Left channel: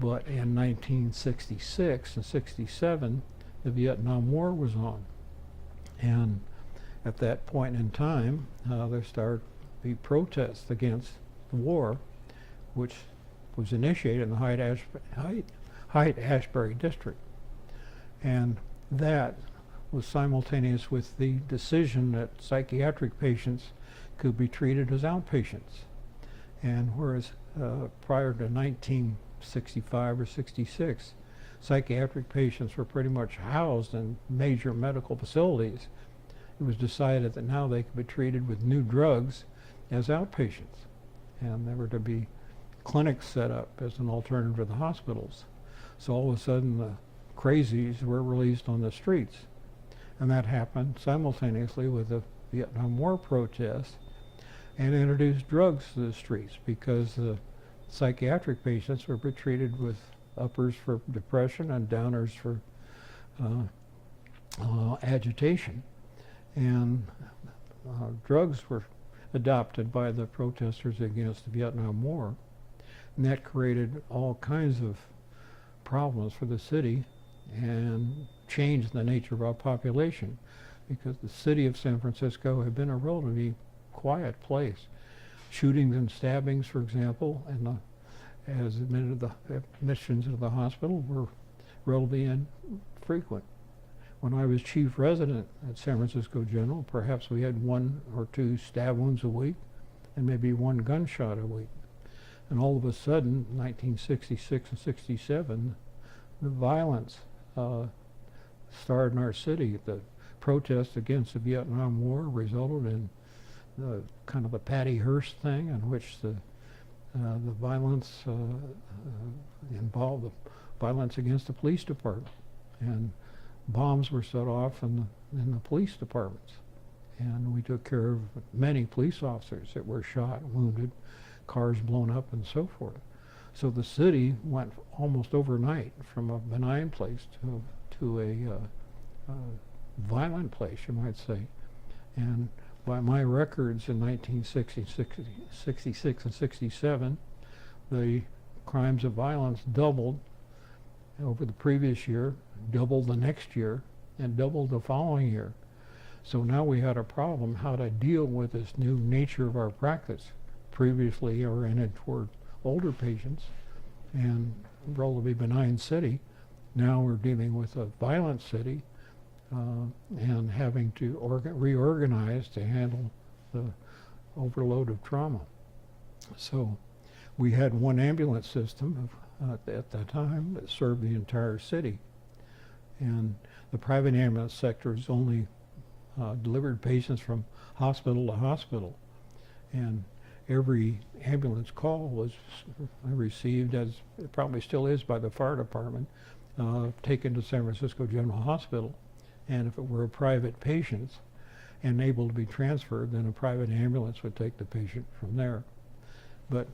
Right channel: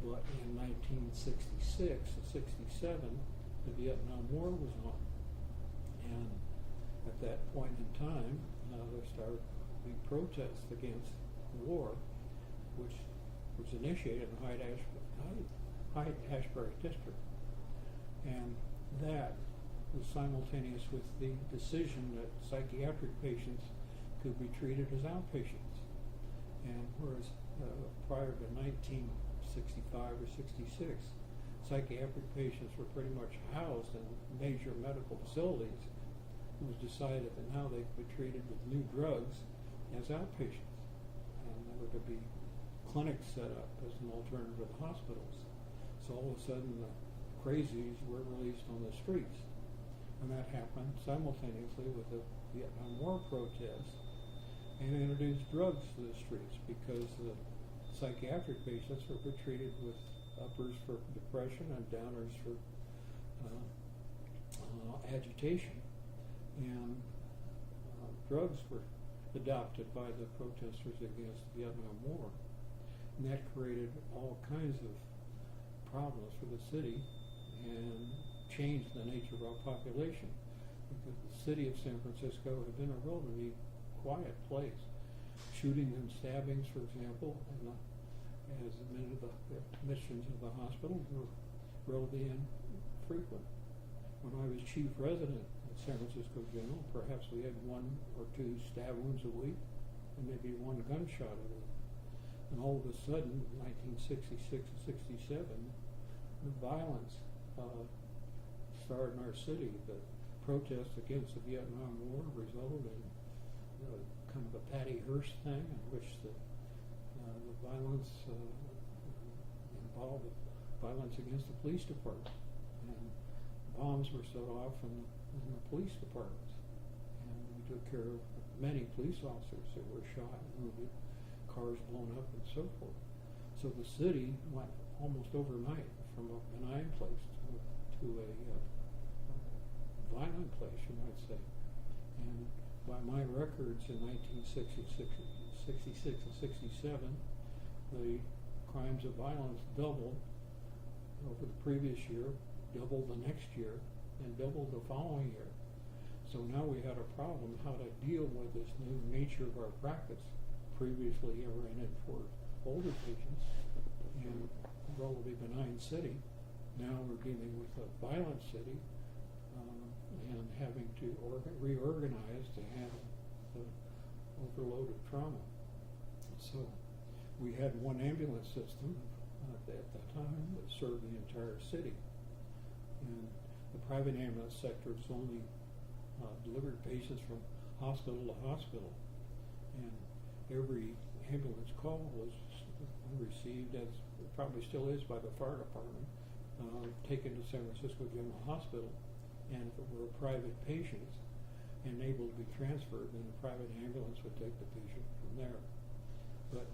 But in 1966 and 67, the Vietnam War was on. And at that point in time, there started to be protests against the war, which was initiated in the Haight-Ashbury district. And that was simultaneous with the decision that psychiatric patients could be treated as outpatients. And whereas prior to 1965 or 66, psychiatric patients were pretty much housed in major medical facilities, it was decided that now they could be treated with new drugs as outpatients. And there were to be clinics set up as an alternative to the hospitals. So all of a sudden the crazies were released on the streets. And that happened simultaneously with the Vietnam War protests, and introduced drugs to the streets because the psychiatric patients were treated with uppers for depression and downers for agitation. And drugs were adopted by the protesters against the Vietnam War. And that created all kinds of problems for the city and changed the nature of our population, because the city of San Francisco had been a relatively quiet place. Shootings and stabbings, for example, and as admitted, the admissions to the hospital were relatively infrequent. When I was chief resident at San Francisco General, perhaps we had 1 or 2 stab wounds a week and maybe 1 gunshot a week. And all of a sudden, 1966 and 67, the violence started in our city. The protests against the Vietnam War resulted in the kind of a Patty Hearst thing, in which the violence involved the violence against the police department, and bombs were set off in the police departments, and we took care of many police officers that were shot, wounded, cars blown up, and so forth. So the city went almost overnight from a benign place to a violent place, you might say. And by my records in 1966 and 67, the crimes of violence doubled over the previous year, doubled the next year, and doubled the following year. So now we had a problem how to deal with this new nature of our practice. Previously oriented toward older patients and relatively benign city. Now we're dealing with a violent city and having to reorganize to handle the overload of trauma. So we had 1 ambulance system at that time that served the entire city. And the private ambulance sector has only delivered patients from hospital to hospital. And every ambulance call was received, as it probably still is by the fire department, taken to San Francisco General Hospital. And if it were a private patient and able to be transferred, then a private ambulance would take the patient from there. But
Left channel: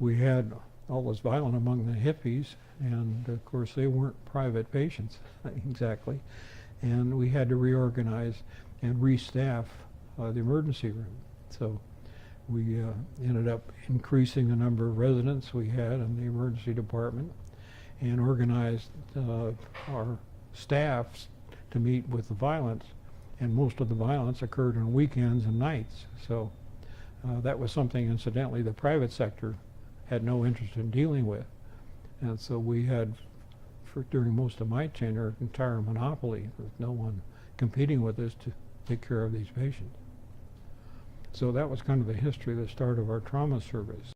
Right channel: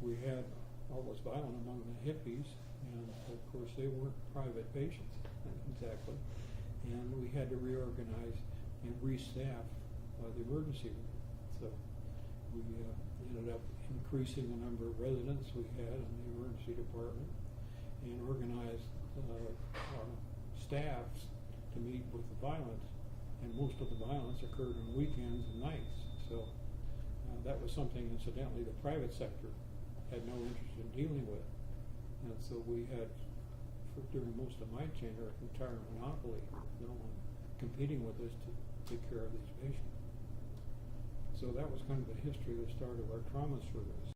we had all this violence among the hippies, and of course they weren't private patients exactly. And we had to reorganize and restaff the emergency room. So we ended up increasing the number of residents we had in the emergency department and organized our staffs to meet with the violence. And most of the violence occurred on weekends and nights. So that was something, incidentally, the private sector had no interest in dealing with. And so we had, during most of my tenure, an entire monopoly with no one competing with us to take care of these patients. So that was kind of the history, the start of our trauma service.